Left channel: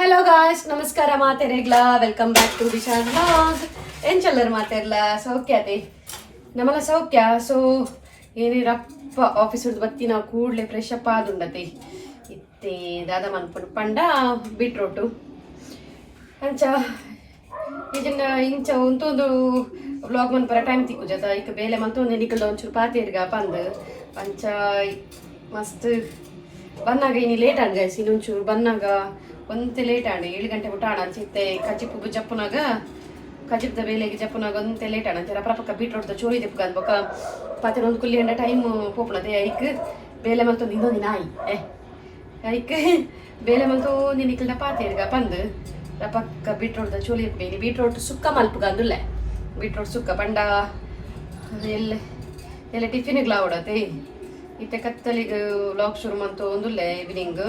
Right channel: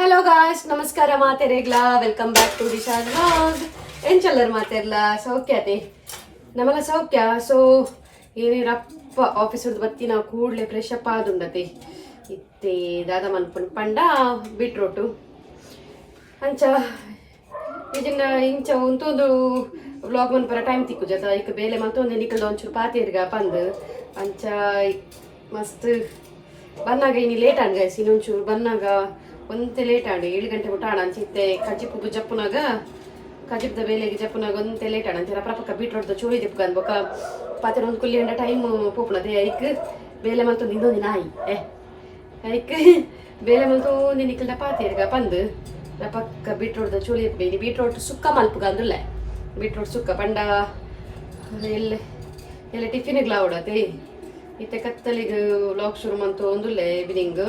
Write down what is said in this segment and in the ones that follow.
Hello guys, ನಮಸ್ಕಾರ ಮಾತೆರೆಗ್ಲ. Welcome back to Disha vlog. ಏನ್ ಚಲ್ಲರ್ ಮಾತೆರ್ಲ ಸೌಖ್ಯತೆ ನಮ್ಮಲ್ಲ ಸೌಖ್ಯ. ಸೊ ಏನಿರಪ್ಪ ಆಫೀಸ್ ಬತ್ತಿ ನಾವು ಕೂಡಲೇ ಫ್ರೆಶ್ ಅಪ್ ಆದುಂಡತೆ ಇತ್ತೆ ದಾದ ಮನ್ಪುಂಡು ಪಂಡ ಬೀಟ್ರೋಟು ಅಂಚ ಈಜಿಂದ ಇಂಚ ಉಂತೊಂದು ವ್ಲಾಗ್ ಮನ್ಪರ ಟೈಮ್ ತಿಕ್ಕುಜತ ಈಗ ಬೇಲೆ ಮಂತೊಂದು ನಿಕಲ್ದ ಒಂಚೂರು ಪಾತೇರ್ಗ ಬಂದು ಅಂಚ ಮಸ್ತ್ ಬನ್ನಾಗ ಇನ್ನು ಲೇಟ್ ಆಡ್ ಗೈಸ್. ಇನ್ನೊಂಚೂರು ಬನ್ನಾಗ ಒಂತೆ ಲೇಟ್ ಆಡಿ 7 ಗಂಟೆ ಬಿಟ್ಟು ಆಡ ಅಂಚಿತ್ತೆ ಕಜಿಪ್ಪು ಜಪ್ಪನಾಗ ಕಜಿಪ್ದ ಬೇಲೆಗೆ ಜಪ್ಪನಾಗ ಒಂತೆ ಲೇಟ್ ಆಡ ಅಂಚ ರಪ್ಪ ಬೀಟ್ರೋಟ್ದ ಚೋಳಿ ಜಪ್ಪಗ ಅನ್ಬೊಕ ಪಾತ್ರ ಒಂದು ಕುಲ್ಲಿ ಎಂಡ ಟೈಮ್ ಪೋಪುನದೆ ಐಕ್ ಬೇಲೆ ಮಂತೊಂದು ಇನ್ನೊಂದು ನಾಯಿ ಐಕ್ ಬೇಲೆ ಮಂತೊಂದು ನಿಕಲ್ದ ಪಾತೇರ್ಗ ಬಂದು ಪಕ್ಕ ಬೀಟ್ರೋಟ್ದ ಚೋಳಿ ಜಪ್ಪಗ ಬೀಟ್ರೋಟ್ ಸುಕ್ಕ ಮಲ್ಪುಗ ಅಂದುಲ್ಲ ಬೀಟ್ರೋಟ್ ಸುಕ್ಕ ಪಂಡ ಎಲ್ಲ ಎಲ್ಲ ಟಿಫಿನ್ಗೆ ಲಾವಡತೆ ಇತ್ತೆ ಕತ್ತಲಿಗೆ ಲಾಕ್ ಶುರು ಮಂತು ಒಂದುಲ್ಲೆ ಈವ್ನಿಂಗ್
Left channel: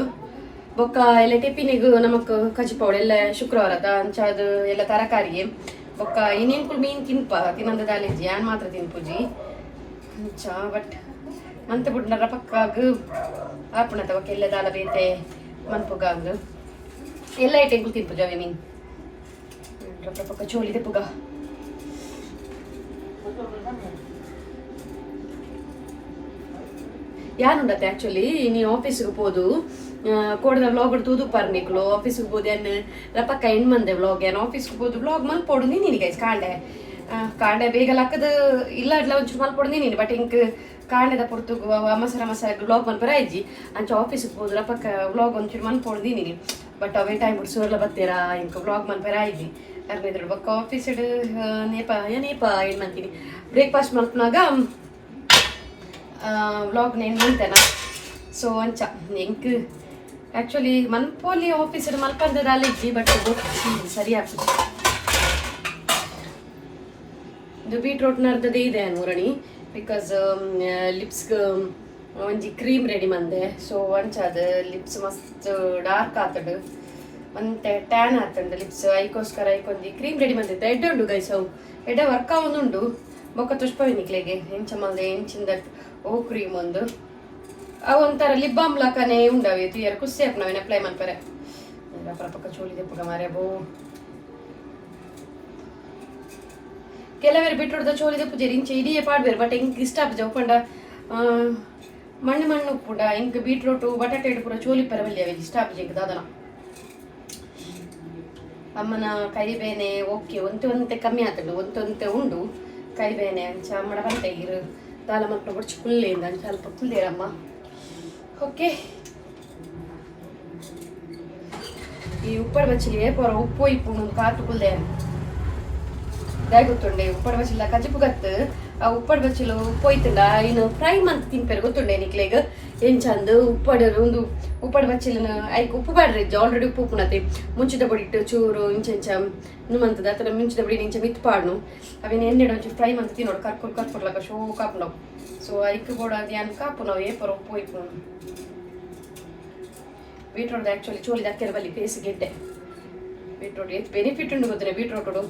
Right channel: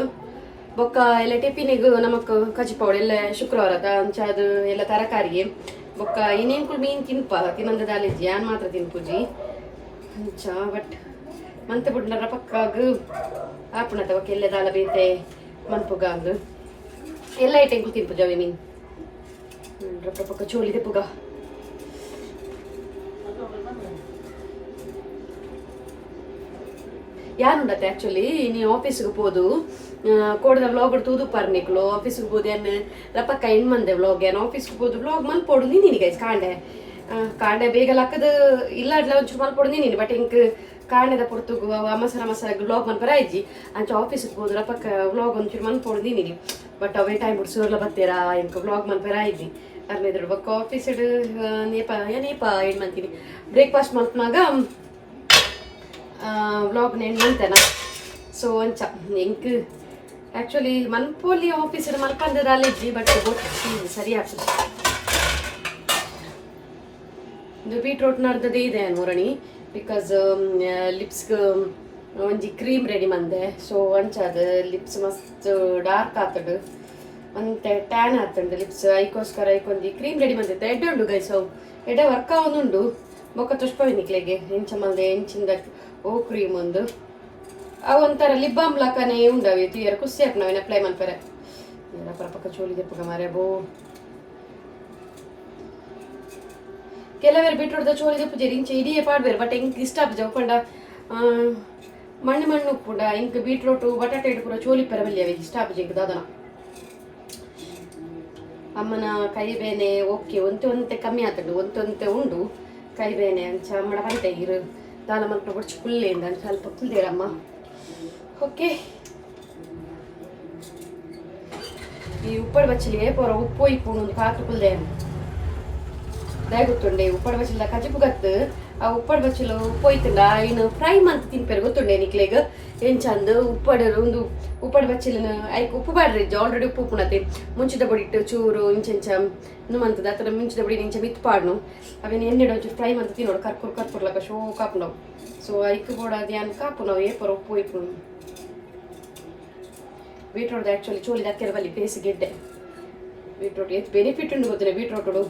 ಬೊಕ್ಕ ಎಲ್ಲ ಟಿಫಿನಿಗೆ ನಮಕ್ ಕಜಿಪೌಡ ಎಲ್ಲ ಶುಕ್ರವಾರದ ಅಂಚ ಅದು ಎಲ್ಲ ತರಕಾರಿಗೆ ಬೊಕ್ಕ ಇನ್ನೇನ್ಕುಲ್ ಮೀನ್ ತಿನ್ಪ ತಿನ್ನೊಂದು ದಾಲಿಜ್ಜಿ ಯಾನ್ ಮಾತ್ರ ತಿನ್ಪುಜಿ ಅಂಚ ಬಟ್ ಮಂತ್ ಬಿಡ್ನರ ಪಕ್ಕಾಗ ಆಪುಣತ ಬೊಕ್ಕ ಎಲ್ಲ ದಾಲ ಬೇತೆ ಮನ್ಪುಗಾಗ ಎಲ್ಲ ಐಟೆಂಕುಲ್ ತಿನ್ಪುಜವೆ ಮೀನ್ ರಪ್ಪ ಪಕ್ಕ ಚೋಳಿ ತಿಪ್ಪುಗ ಯಾನುಂಡತ್ತೆ ಆಕ್ಚುಲಿ ನೀ ಆಫೀಸ್ಗೆ ಹೋದು ಕೋಡದ ವ್ಲಾಗ್ ತೂದು ಪರ್ನಿಕ್ಲು ಆಫೀಸ್ಗೆ ಹೋದು ಏನು ರಪ್ಪಕ್ಕ ಹೆಣ್ಮಂದೆ ವ್ಲಾಗ್ ಏನು ಆಫೀಸ್ಗೆ ಹೋದು ವ್ಲಾಗ್ ಮಲ್ಪೋಡು ನೀನು ಗೈಸ್ ಕಾಂಡೆ ಬೇಗ ಲಕ್ಕದ ಇಲ್ಲ ಅಡ್ಲ ಒಂಚೂರು ಮಲ್ಪೋಡು ನೀನು ಬಟ್ ಇಂಕ್ ಕಾಂಡೆದ ಪುರ್ತು ಅಮಸರ ವ್ಲಾಗ್ ಮಲ್ಪರ ಇಜ್ಜಿ ಅಂಚ ಆಫೀಸ್ಗೆ ಹೋದು ರಪ್ಪಕ್ಕ ವ್ಲಾಗ್ ಒಂಚೂರು ಮಲ್ಪೋಡು ನೀನು ಬಟ್ ಅವೇ ಟೈಮ್ ಬಿಟ್ಟು ಸೋರ್ಲ ಬತ್ತೀರಾ ಇಂಕ ವ್ಲಾಗ್ ಮಲ್ಪರ ಇಜ್ಜಿ ಅರ್ಮೇದ್ರು ಬಕ್ಕ ಆಫೀಸ್ ನೇಪ ಏನು ಮಾಡ್ತೀನಿ ಬ್ರೇಕ್ಫಾಸ್ಟ್ ಮಲ್ಪನಾಗ ವ್ಲಾಗ್ ನೇನು ನಿಂತೇನ ಸೊ ಅಂಚ ಎಂಕ್ ಆ್ಯಕ್ಚುಲಿ ಮನ್ಪೋಲಿ ಆಫೀಸ್ ಮಲ್ಪಂದದ ಅಲ್ಲಿದ್ದಿ ಬಟ್ ಸರಿ ಆಗ್ತದೆ ಇದು ಬೀಟ್ರೋಟ್ ನಡ್ದದೇ ಇದೆ ಮೂರಣಿ ಬಿಕಾಸ್ ಲಿಪ್ಸ್ಗೆ ಒಂಜಿ ಕ್ರೀಮ್ ರೆಡಿ ಮಂದೆ ಸೊ ಅಂಚ ಅದು ಲಿಪ್ಸ್ ಮಸ್ತ್ ಡಾರ್ಕ್ ಆತಡು ಮತ್ತೆ ಟ್ಯಾನ್ ಆತಂಡು ಲಿಪ್ಸ್ ಐಕೋಸ್ಕರ ಐಕೊಂದು ಕ್ರೀಮ್ ರೆಡಿ ಮಂದಿತ್ತು ಎಡ್ಡೆ ಉಂಡು ಗೈಸ್ ಅವು ಎಡ್ಡೆ ವರ್ಕ್ ಆವೊಂದುಂಡು ಬೊಕ್ಕ ತುಷ್ಪವಿನಿಕ್ಲೆಗೆ ಎಂಚ ಮಂದೆ ಎಂಚಿಂದ ಓ ಕ್ರೀಮ್ ಒಂದು ಅವು ಒಂಥರ ಲಿಪ್ ಬಾಮ್ ಲಕನೆ ಉಂಡವೆ ಕ್ಲಿಯರ್ ಖುಷಿ ಆಪ್ ನಾವೇನು ಅಪ್ಲೈ ಮಾಡ್ತಾರೆ ಎಲ್ಲ ಪಕ್ಕ ಚೋಳಿ ತೆಪ್ಪಗ ಮಾರೆ ಬೋ ಕೆಲವೇರು ಬಿಟ್ಟುಡ್ದ ಚೋಳಿ ತೆಪ್ಪು ಜರಿ ಇಂಚೆ ಇಡಿಯೇ ಪಾಡ್ಬೇರು ಬಟ್ ಹೆಂಗೆ ಇಷ್ಟ ಆಪ್ ಜವ್ಕೊಂಡ ಮಣ್ಣು ಕೂಡ ಹೆಂಗೆ ಬೀಟ್ರೋಟು ಬಟಾಟೆ ಪೂರ ಚೋಲಿ ಪರವಲ್ಲಿ ಅವೆ ಇಷ್ಟ ಆಪ್ ಜಂಗೆ ದಾದನ ಅಮ್ಮನ ಕರಿಬೇನೆ ಓಕೆ ಒಂತೆ ಕಮ್ಮಿ ಆಗ್ತದೆ ಒಂತೆ ಉಂಡು ಕರಿಬೇನೆ ಅಂಚ ಅಮ್ಮನ ಬಂಟೆ ಇರು ದಾಲ ಮಲ್ಪ ಬಡ್ಚು ಕುಲ್ಲೆಯಿಂದ ಸ್ವಲ್ಪ ಕುಲ್ಲೇರಮ್ಮ ಓಕೆ ಈ ಉಪ್ಪಡ ಬಚ್ಚಲಿಗೆ ಪೂರ ಉಪ್ಪು ಇಪ್ಪು ಕಾತು ಕುಲ್ದೆ ದಾಯ್ ಗೊತ್ತುಂಡೆ ಉಪ್ಪಡ ಬಚ್ಚಲ ಕಜಿಪು ಗತ್ತು ಆ ಉಪ್ಪಡ ಬಚ್ಚಲು ಉಪ್ಪು ಹೋಯ್ತಂಡ ಇನ್ನು ಫ್ರೈ ಮಂತ್ ತಿನ್ಪೇರು ಗೊತ್ತುಂಡೆ ನಿಕ್ಲೆಗ ಏನ್ ಚಂದ ಒಂದು ಉಪ್ಪಡ ಬಚ್ಚಲಿನ ಐಕ್ ಉಪ್ಪು ಬಾಡ್ರಿ ಆಲ್ರೆಡಿ ಉಪ್ಪು ಉಪ್ಪುಣತೆ ಮುಂಚಿದ ಬಡಿಟ್ಟು ಚೂರು ಇಂಚೆಂಚ ಮಂತದ ಅಥವಾ ಮಿಂಚಿದ ಬಡಿ ಇಂಚ ಮಿತ್ ಪಾಡ್ನು ಅವೇನು ಎಣ್ಣೆಡ ಒಂಚೂರು ಫ್ರೈ ಮಂತ್ ತಿನ್ನೋಡು ಕರ್ಪುರ್ಲಕ ಶೋ ಕಾಪುಣವು ಸೊ ಐಕ್ ಬೋಡ ಅದು ಏನು ಕಾಪು ನಾವು ಏಪರ ಉಪ್ಪು ಇಪ್ಪು ಬೀಟ್ರೋಟ್ ಆ್ಯಕ್ಚುಲಿ ಚೋಲಿ ದಕ್ಕೆರ ಬಲ್ಲಿ ಫೇಸಿಗೆ ಇಡ್ಡೆ ಬೀಟ್ರೋಟ್ ಎಷ್ಟು ಬೆನಿಫಿಟ್ ಉಂಡು ಗೊತ್ತಿಲ್ಲ ಬೀಟ್ರೋಟು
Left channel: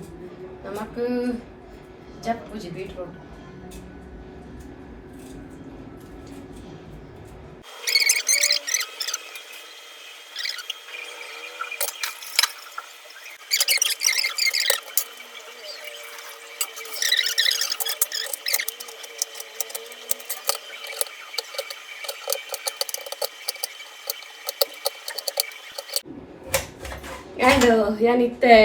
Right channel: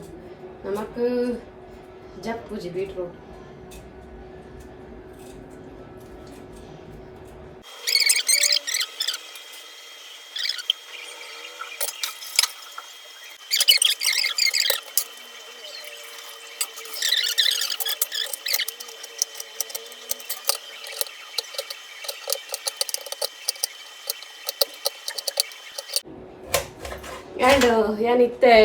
ನಮಕ್ ಜಪ್ಪುಜಿ ಬೀಟ್ರೋಟ್ ಆ್ಯಂಡ್ ಏನಿತ್ತೆ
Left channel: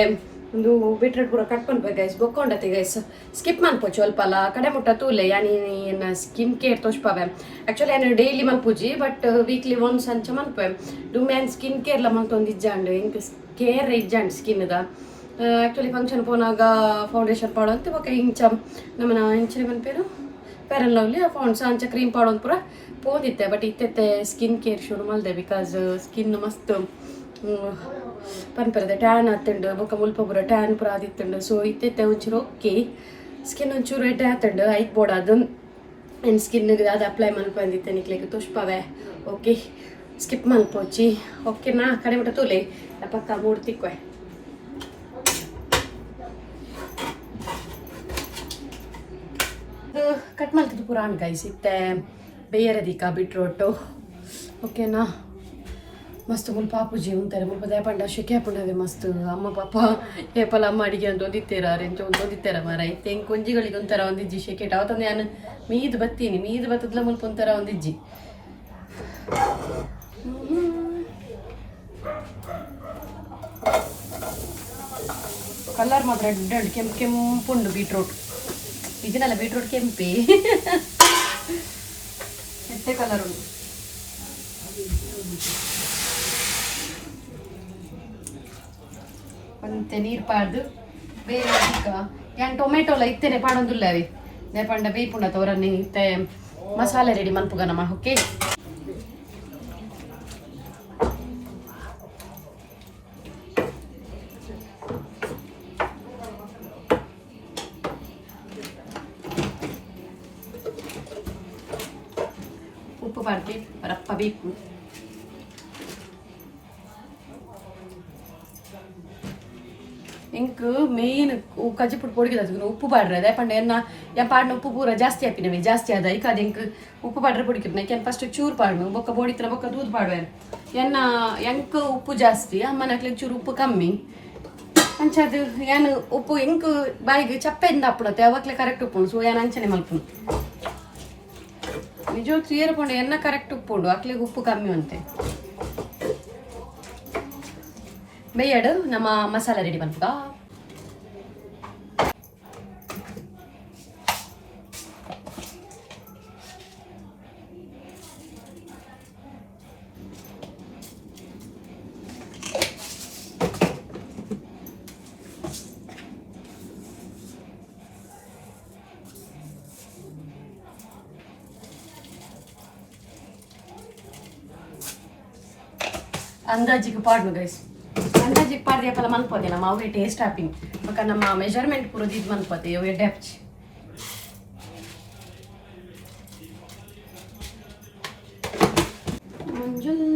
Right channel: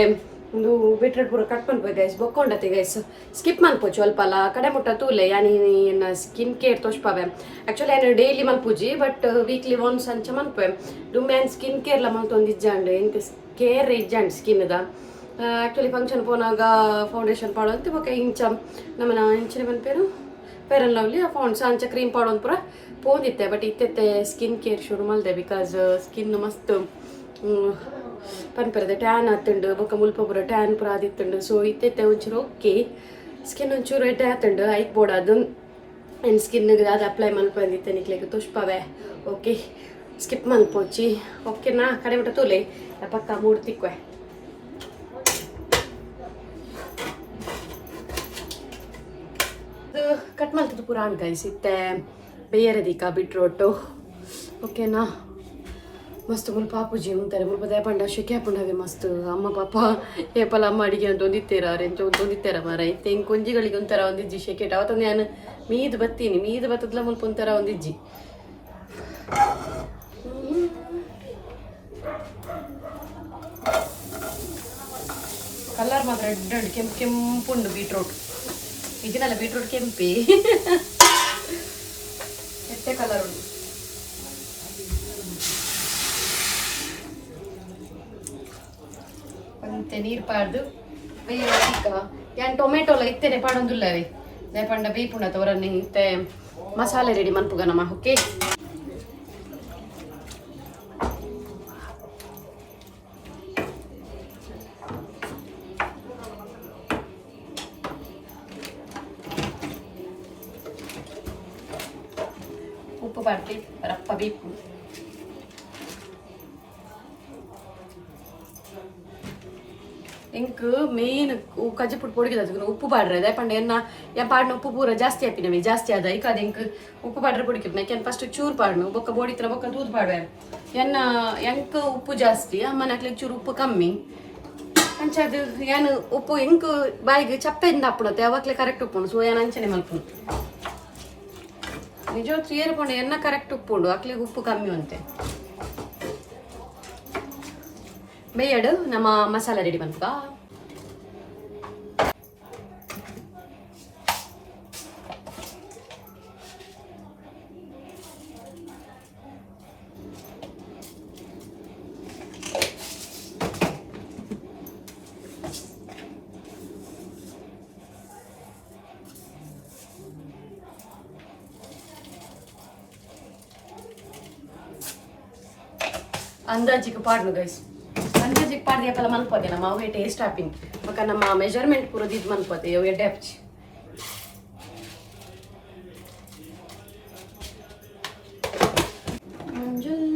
ಒಂದು ಬೀಟ್ರೋಟ್ ಪೂರ ಕಟ್ ಮಾಡ್ಬೇಕು ಗೈಸ್ ಬೊಕ್ಕೊಂಡತಿ ಗೈಸ್ ಸ್ಕಿಪ್ ಮಾಡ್ಕೋಚು ಸ್ವಲ್ಪ ಅಲ್ಲ ಕಡೆ ಮುಟ್ಟ ತೂಲೆ ಏನು ಸ್ಕಿನ್ ಕೇರ್ ತೋಷ್ಪಾವೆ ಆ್ಯಕ್ಚುಲಿ ಏನು ಡೈಲಿ ಮಲ್ಪುಜಿ ಬಟ್ ವೀಕ್ಲಿ ಒನ್ಸ್ ಅಂಚ ಮಲ್ಪೆ ದುಮ್ಮೆ ಸ್ಕಿನ್ ಕೇರ್ಲ ಮಲ್ತೊಂದು ಇಜ್ಜಾಂಡು ಇಂಕ ಕೇರ್ ಇಜ್ಜಾಂಡು ಸ್ಕಿನ್ದ ಆ್ಯಕ್ಚುಲಿ ಫಂಕ್ಷನ್ ಪೋನಾಗ ಫೌಂಡೇಶನ್ ಪಾಡೋಂತ ಬೊಕ್ಕ ಇಂಚ ನಮ್ಮನ ಇಂಚಿನ ಬಂದ್ಪೇರು ಫೇರ್ ಆ್ಯಂಡ್ ಲವ್ಲಿ ಆ ಫೌಂಡ್ಸ್ ಅಂಚ ಕ್ರೀಮ್ ಪಾಡೋದು ಪೂರ ಪೋದಿತ್ತೆ ಬಟ್ ಇತ್ತೆ ಸ್ಕಿನ್ ಕೇರ್ ಶುರು ಮಾಡಿದೆ ಬಿಕಾಸ್ ಸ್ಕಿನ್ ಮಸ್ತ್ ಪನ್ಪರದ ಟ್ಯಾನ್ ಆತಂಡು ಬೊಕ್ಕ ಮುಲ್ಪ ಪೂರ ಟ್ಯಾನ್ ಪೂರ ಆದಿತ್ತಂಡು ಸೊ ಇತ್ತೆ ಒಂಚೂರು ಓಕೆ ಸ್ಕಿನ್ ಒಂಚೂರು ಎಡ್ಡೆ ಆತಂಡು ಐಕ್ ಬೋರ್ಡ್ ಅದು ಆ್ಯಂಡ್ ಸ್ಕಿನ್ಗೆ ಅದು ಅಪ್ಲೈ ಮಲ್ಪಂದಿತ್ತೆ ನಿಕ್ಲಿಕ್ಕೆ ತುಷ್ಪವೆ ಓಕೆ ಸ್ಕಿಪ್ ಮಲ್ಪೋಚಿ ಓಕೆ ನಾ ಕಡೆ ಬಿಟ್ಟ ತೂಲೆ ಪಕ್ಕ ಮೂರು ತಿಕ್ವೆ ಅದು ಕಟ್ ಮಾಡ್ತಿದ್ದು ಪುರಾಣ ಗೈಸ್ ಇತ್ತೆ ಬೇಯರದಿಕ್ಕ ಬೀಟ್ರೋಟು ಓಕೆನಾ ಮಸ್ತ್ ಮುಲ್ಪ ಪೂಜೆ ಉಂತಾರೆ ಮುಲ್ಪ ದಯಪಂಡ ಶೆಕೆ ಹಾಕೊಂಡವೆ ಮಸ್ತ್ ಅಮ್ಮ ಪಾಪ ಏಪಲ ಅಮ್ಮ ಅಡಿಗೆ ಅಂತ ಒಂದಿತ್ತೇರ ರೆಂಚ ಒಂದಿತ್ತೇರ ಮರ ಇತ್ತೆ ಹಿಂಗೆ ಕೊಂಜಿಗಳಿಗೆ ಒಂಥರ ಒಂದಿಜ್ಜಿ ಶೆಕೆಟ್ ಅವತ್ತೊಂದು ನಾನು ಮೀದು ಬತ್ತೀನಿ ಮೀದು ಬತ್ತದ್ಲ ಮುಲ್ಪ ಒಂಥರ ಒಂದಿಜ್ಜಿ ಕಲರ್ ಮಾತ್ರ ರೆಡ್ ಕೆಂಪುಂಡು ಬೀಟ್ರೂಟ್ ಇದನ್ನೆಲ್ಲ ಬೀಟ್ರೂಟ್ ಕೆಂಪಿ ಎಷ್ಟೇ ಕಲರ್ ಉಂಟು ಮತ್ತೆ ನೀರು ಪಾಡ್ದು ಬೇಗ ಏನು ಟೊಮೆಟೊಲ್ಲ ಇತ್ತೇನೆ ಪಾಡೊಂದುಲ್ಲವೇ ನೇಪಂಡ ಬೇಪುಂಡ ತೋರನಿ ಇತ್ತೆ ಮಸಾಲೆ ರೆಡಿ ಮನ್ಪುಗನಮ್ಮ ಓಕೆ ಉಪ್ಪು ಪಾಡ್ತಿ ರಪ್ಪ ಬೇಕು ಇಂಕ್ ಮೇನ್ ಕಜ್ಜಿಪುಟ್ಟು ಪೊಡಿಗೆ ಉಪ್ಪು ಪಾಡ್ರೆ ಅದೇ ಪಂಡ ಎನ್ನ ಯಾ ಪಾಡ್ನ ಉಪ್ಪು ಪೂರ ಜಾಸ್ತಿ ಹಾಪಿನವೆ ಜಾಸ್ತಿ ಆದ ಈಗ ಅದು ಇಂಕ್ ಉಪ್ಪು ಪಾಡ್ರೆ ಪೊಡಿಕಿರ್ನ ಯಾಕೆ ಫಸ್ಟ್ ಚೂರು ಪಾಡ್ಮೆ ಬೊಕ್ಕ ಬೋಡಿತ್ರ ಬೊಕ್ಕ ತೂದು ಪಾಡ್ವೆ ಎನ್ನ ಎಂಕ್ ಉಪ್ಪು ಜಾಸ್ತಿ ಅಮ್ಮನ ಹಾಕ್ಲಿಕ್ಕೆ ಚೂರು ಉಪ್ಪು ಕಮ್ಮಿ ಅಂಚದು ಏನು ಉಪ್ಪು ಇಂಕ್ ಬಾಯಿಗೆ ಚಪ್ಪೆಯಿಂದ ಹಾಕ್ಬಿಡತ್ತೆ ಅವಾಗಲೇ ಕರೆಕ್ಟ್ ಉಪ್ಪುಂಡು ಸೊ ಏನು ಅಂಚನೆ ಮಲ್ಪುಂಡು ನಿಜವತ್ತು ಏರ್ಪುಂಡು ಎನ್ನ ಕರೆಕ್ಟ್ ಉಪ್ಪುಂಡು ಹಾಕ್ಲಿಕ್ಕೆ ಉಪ್ಪು ಕಮ್ಮಿ ಅಂತೆ ಬೇಯಡು ನಮ್ಮ ಮಸಾಲ ರೆಡಿ ಬಂತ ಅಂದಾಜಿಗೆ ಪಾಡ್ನು ಗೈಸ್ ಅಂದಾಜಿಗೆ ಪಾಡ್ದೆ ಯಾಕಲ್ಲ ಮನ್ಪೋದೆ ನಮ್ಮ ಅವೇ ಟೇಸ್ಟ್ ಹಾಪಿಂಗ್ ಮಕ್ಕ ನಮ್ಮ ಮೆಜರ್ಮೆಂಟ್ ಪೂರದ್ದು ಇದು ಮನ್ಪೋದೆ ಅವೇ ಡೆಪ್ಚ್ ಮಂಜುಲ್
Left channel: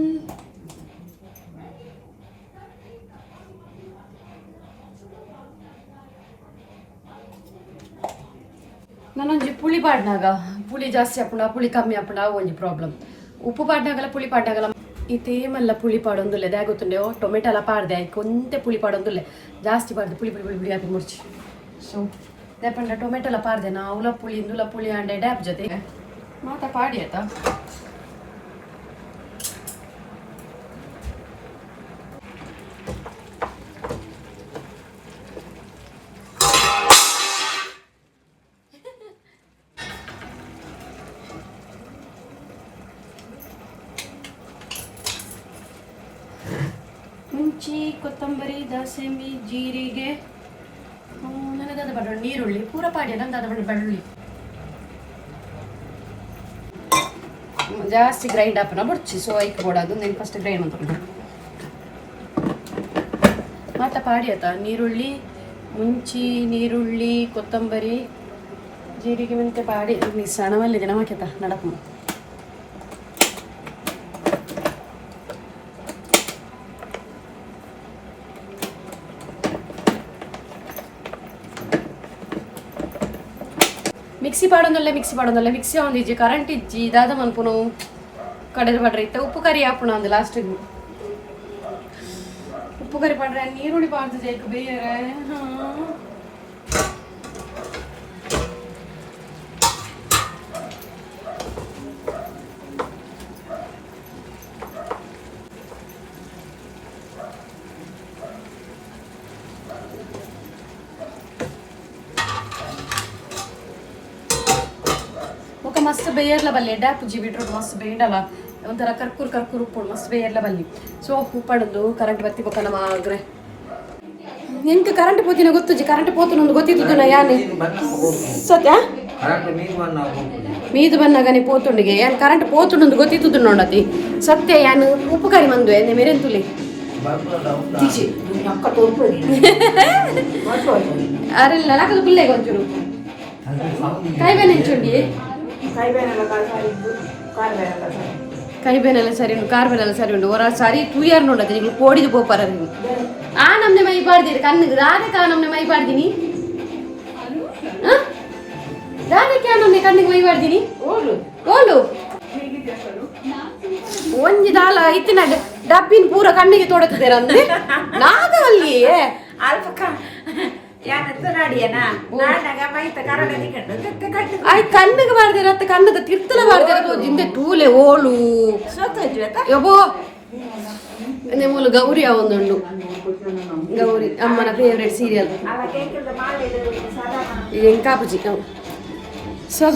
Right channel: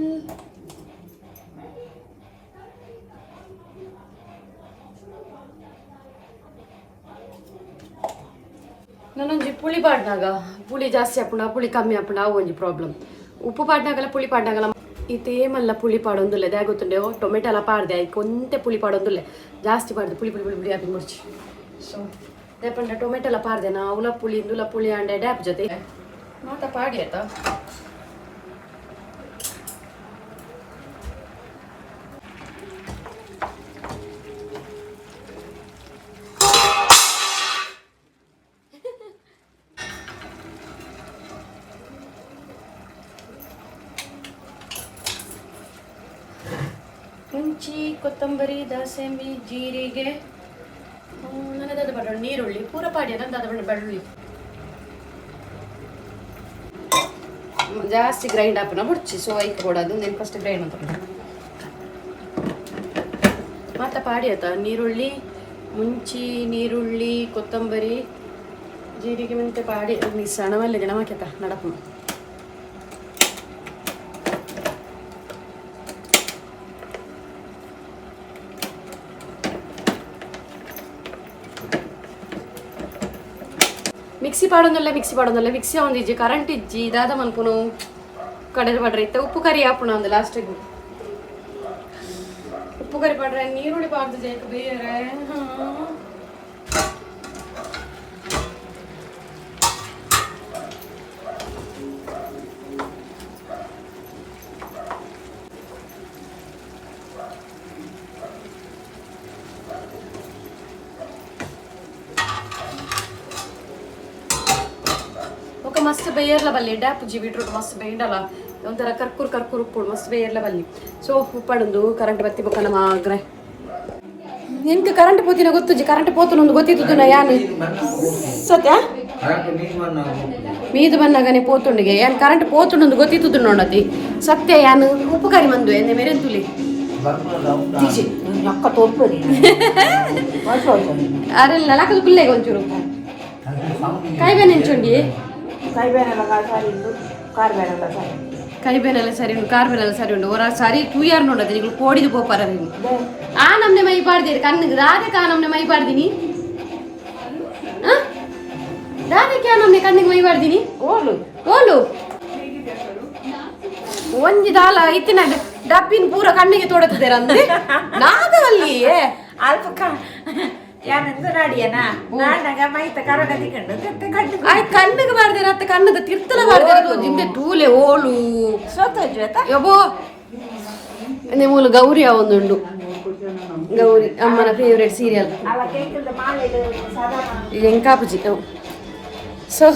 ನಾನೊಂಜಿ ಪುಳಿ ಪಾಡ್ನಾಗ ಪುಳಿ ಜಾಸ್ತಿ ಹಾಪುಂಡ ಪುಳಿ ಕಮ್ಮಿ ಹಾಪುಂಡ ಅವು ಒಂಜಿ ಪ್ರಾಬ್ಲಮ್ ಉಪ್ಪು ಪಾಡ್ನಾಗಲ್ಲ ಪುಳಿ ಪಾಡ್ನಾಗಲ್ಲ ಇದೇಮಲ್ಲ ಪುಳಿ ಪಾಡೊಂದುಲ್ಲ ಅದೇ ಗೊತ್ತುಂಡೆ ಟೊಮೆಟೊ ಎಲ್ಲ ಪಾಡ್ದೆ ಆಯ್ಕೆ ಒಂದೇ ಪುಳಿ ಪಾಡೊಂದುಲ್ಲ ಜಾಸ್ತಿ ಪಾಡ್ದೆ ಪುಳಿ ಪುಳಿ ಪುಳಿ ಪುಳಿ ಹಾಕಿ ಮುರ್ಚಿ ಸೊ ಯಾಪಂಡ ಟೊಮೆಟೊ ಎಲ್ಲ ಪಾಡ್ದೆ ನಾ ಅವಲ ಪುಳಿ ಇಂದುಲ ಪುಳಿ ಅಂಡೆ ಡ್ಯಾಪ್ ಜೊತೆ ಮಾತಾ ಪಾಡಿ ಆಯ್ತಾ ಮುಂಚಿ ಕೊತ್ತಂಬರಿ ದಾಸಂಬಿ ಜೀರಿಗೆ ನನಗದು ಬರೋಣ ನೀರುಳ್ಳಿ ಪೂರ ಪಾಡಿ ನಂದು ಬೆಳ್ಳುಳ್ಳಿ ಜಾಸ್ತಿ ಗ್ರೈಂಡ್ ಹಾಕೋಣ ಬುಡ್ಚಿ ಸೊ ಐಕ್ ಬೋಡೋದು నేను ಫಸ್ಟ್ ಗ್ರೈಂಡ್ ಮಾಡ್ತೀನಿ ಮತ್ತೆ ಪಾಡಿ ಆಯ್ತಾ ನೀರುಳ್ಳಿ ಮುಂಚಿ ನೀರುಳ್ಳಿ ಕೊತ್ತಂಬರಿ ಜೀರಿಗೆ ಮೆಂತೆ ಪಾಡಿ ಸಣವಲ್ಲಿದೆ ನಮಕೆತ ನಡಪು ಮಿಕ್ಸಿ ಪಾಡೊಂದಲ್ಲ ಮಿಕ್ಸಿ ಒಂದಿಜ್ಜಿ ಕರೆಂಟ್ ಇಜ್ಜಿ ಇದಾದ ಮನ್ಪುನು ಕಡಲು ಪಾಡ್ರೆ ಇತ್ತ ಉಪ್ಪು ಕರಿ ಹಾಪುಣ ಒಂದು ಲಾಸ್ಟಿಗೆ ಉಪ್ಪು ಕರಿ ಪಾಡ್ರೆ ನೀರುಳ್ಳಿ ಪಾಡ್ದು ಜೈಕು ಬೇರೆ ಮಸ್ತ್ ಬೇಯರ್ಲ ಬಲ್ಲಿ ಡ್ಯಾಪುಜಿ ಬೀಟ್ರೂಟ್ ಮಸ್ತ್ ಬೇಯಡಲ್ಲ ಒಂಥರ ಕರ್ಕೂರ್ ಉಪ್ಪು ಮಸ್ತ್ ಬೇಯರ್ಲ ಬಲ್ಲಿ ಸೊ ಉಪ್ಪಡೊಂದು ಕರೆಂಟ್ ಬತ್ತಿ ಬೊಕ್ಕ ನಮ್ಮ ಆಗ್ರೆ ನಿನ್ಗೆ ಕರೆಂಟ್ ಪೋತಿನ ಗೊತ್ತುಜಿ ಕರೆಂಟ್ ಪೋತನ ಒಂದು ಗೊತ್ತಿತ್ತು ನಾ ಯಾನು ಸತ್ಯ ಮೀದು ಬನ್ನಗನೆ ಪೋತುಂಡಿಗೆ ಯಾನ್ ಕರೆಂಟ್ ಪೋತುಂಡು ಗೊತ್ತಿತ್ತು ನೋಡತಿ ಸತ್ಯ ಯಾನು ಉಪ್ಪು ಕರಿ ಮಂದು ಎನ್ನೆ ಮೇರೆಂತುಲಿ ಅರೆಲ್ಲ ನಾಲ್ಕದು ಪುಲ್ಲೆಗೆ ಒಂಚೂರು ಕೈಬೇನೆ ಹೆಂಚುಂಗಿ ಕೈಬೇನೆಲ್ಲ ಸರಿ ಉಂಟು ಕಾರ್ಬೇನೆಲ್ಲ ಸರಿ ಉಂಟು ಹೊರ ಸರಿ 2 ಇಯರ್ ನೋಡತ್ತೆ ನೀವು ಕೋಡಿದು ಪೋಪಾರ ನೀವು ಆ ನಮ್ನೆ ಮೈ ಪಾಡ್ದಿರಿ ಕಣ್ಣಿಗೆ ರಾಧಕ್ಕೆ ಆ ನಮ್ನೆ ಮೈ ಪಾಡ್ದಿನಿ ರಾಧಕ್ಕೆ ಆ ನಮ್ನೆ ಕಣ್ಣಿಗೆ ಮೈ ಪಾಡ್ದಿನಿ ಓಲು ಒಂಜಿ ದಾಲ ಇತ್ತಿನ ಡಬ್ಬಿನ ಪೂರ ಕಣ್ಣಿಗೆ ತೊಡತಿದ್ದೀರ ಅಂದ್ರೆ ನಾಗವಲ್ಲಿ ಅಲ್ಪ ಆಯ್ ಕಣ್ಣಿಗೆ ಬಾರ್ದಿರ ಅತ್ತ ಕಣ್ಣದ ತಿರ್ತಲ ಬಾರ್ದಿರ ಜಿಂದೆ ತೂಲೆ ಓಳು ಯಬೋ ನಿಮ್ಮೂಲು ಗೌರಿ ಒಂದುಂಡು ಗೌರಿ ಅಮ್ಮನ ಫೇವ್ರೆಟ್ ಸೀರಿಯಲ್ ಎಂಕಾಪಜಿ ಸೊ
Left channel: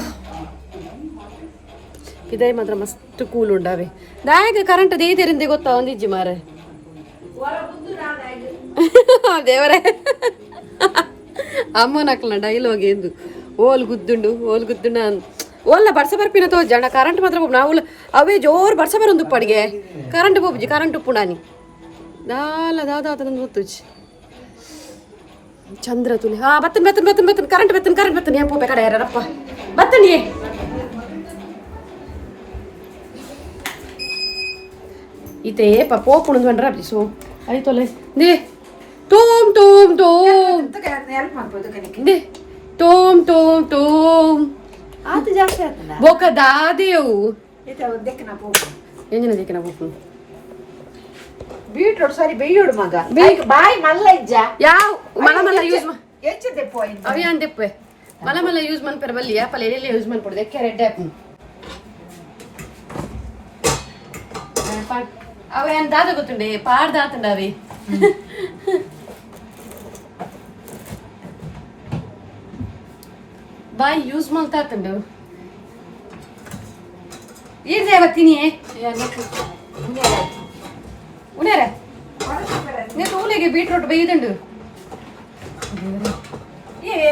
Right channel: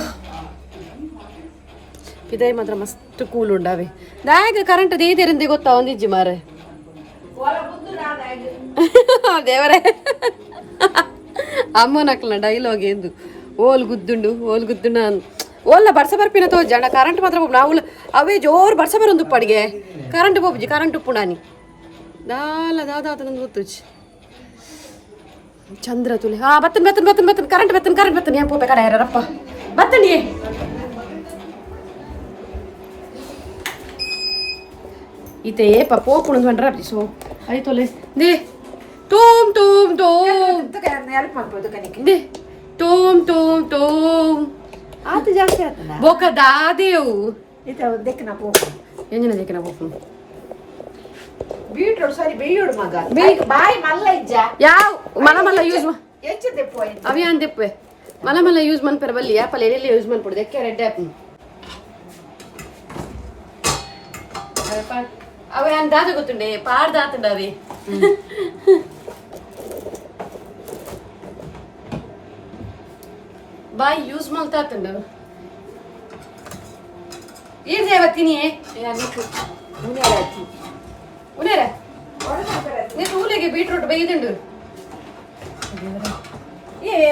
ಇದೇ ಮಾತ್ರ ಮಸ್ತ್ ಕೂಲ್ ಉಂಡಾವೆ ದಾಯಗ ಕರೆಂಟ್ ದೇದಿರಂದೆ ಗೊತ್ತಾ ಒಂದಿಜ್ಜಿ ಮಾರೆ ದೇವರೇ ಅಮ್ಮನಕ್ಲ ಡೈಲಾಗ್ ಎಂದು ಓಲ್ ಗುದ್ದುಂಡು ಓಲ್ಲ ಬರ್ಸ ಬರ್ಪಿನ ತೋಜಣ ಕರೆಂಟ್ ಮಾತ್ರ ನಾವು ಅವೇ ಜೋರು ಬರ್ಸ ಬರೊಂದು ಉಪ್ಪಡಿಗೆ ಕರೆಂಟ್ ಬೋಬ್ಜಿ ಕರೆಂಟ್ ಉಪ್ಪು ನಾನಿ ದಾದ ಗೊತ್ತುಜಿ ಚಂದ್ರ ತುಲಿ ಹಾ ಬತ್ತನ್ ಕರೆಂಟ್ ಬತ್ತನ್ ಏನ್ ಪೋಪೆ ಕಡೆ ಯಾರಪ್ಪ ಬತ್ತನಿಯೇ ಈತೆ ಏಪ ಪೋಪುಣದು ಬಂಡ್ರ ಸೊ ಆಯ್ತೊಲೆ ದೇ ಟೋಮ್ ದೇ ಟೋಮ್ ಆತ ಜಾಸ್ತಿ ಆತಲ್ಲ ಬೋಕ ದಾದೇವು ಎಂಜಿನ ದೇಕಿನ ಪೋಪು ಬೀಟ್ರೋಟ್ ಸಾರಿ ಬೇಯೋಡು ಮಗ ಬಾಯ್ ಮಲ್ಲ ಇಜ್ಜ ಯಾವ ಮಲ ಯೂಸ್ ಎಚ್ಚದೆ ಪಾಯಿಂಟ್ ಅವಿ ಅಂದೆಪ್ಪೆ ಮಲ ಯೂಸ್ ಮನ್ಪೆರ ಬಲ್ಲಿ ಆಪಲ್ ಎಲ್ಲಿ ಯೂಸ್ ಮನ್ಪೊಡು ದೆಕ್ಕೆ ರೆಡ್ ಆಪ್ ಅವೇ ಅಂದಾದ ಗೊತ್ತುಂಡೆ ಪಾಡ್ದಾತುಂಡ ಅವಿ ಬಾಯ್ ಯೂಸ್ ಮಾಡ್ತಾತುಂಡು ಏನ್ ಸೇವತ್ತೀನಿ ಉನೇರ ನೀನು ಊಲಿಗೆ ಬೀಟ್ರೋಟ್ ಬೇಯ್ದುಂಡು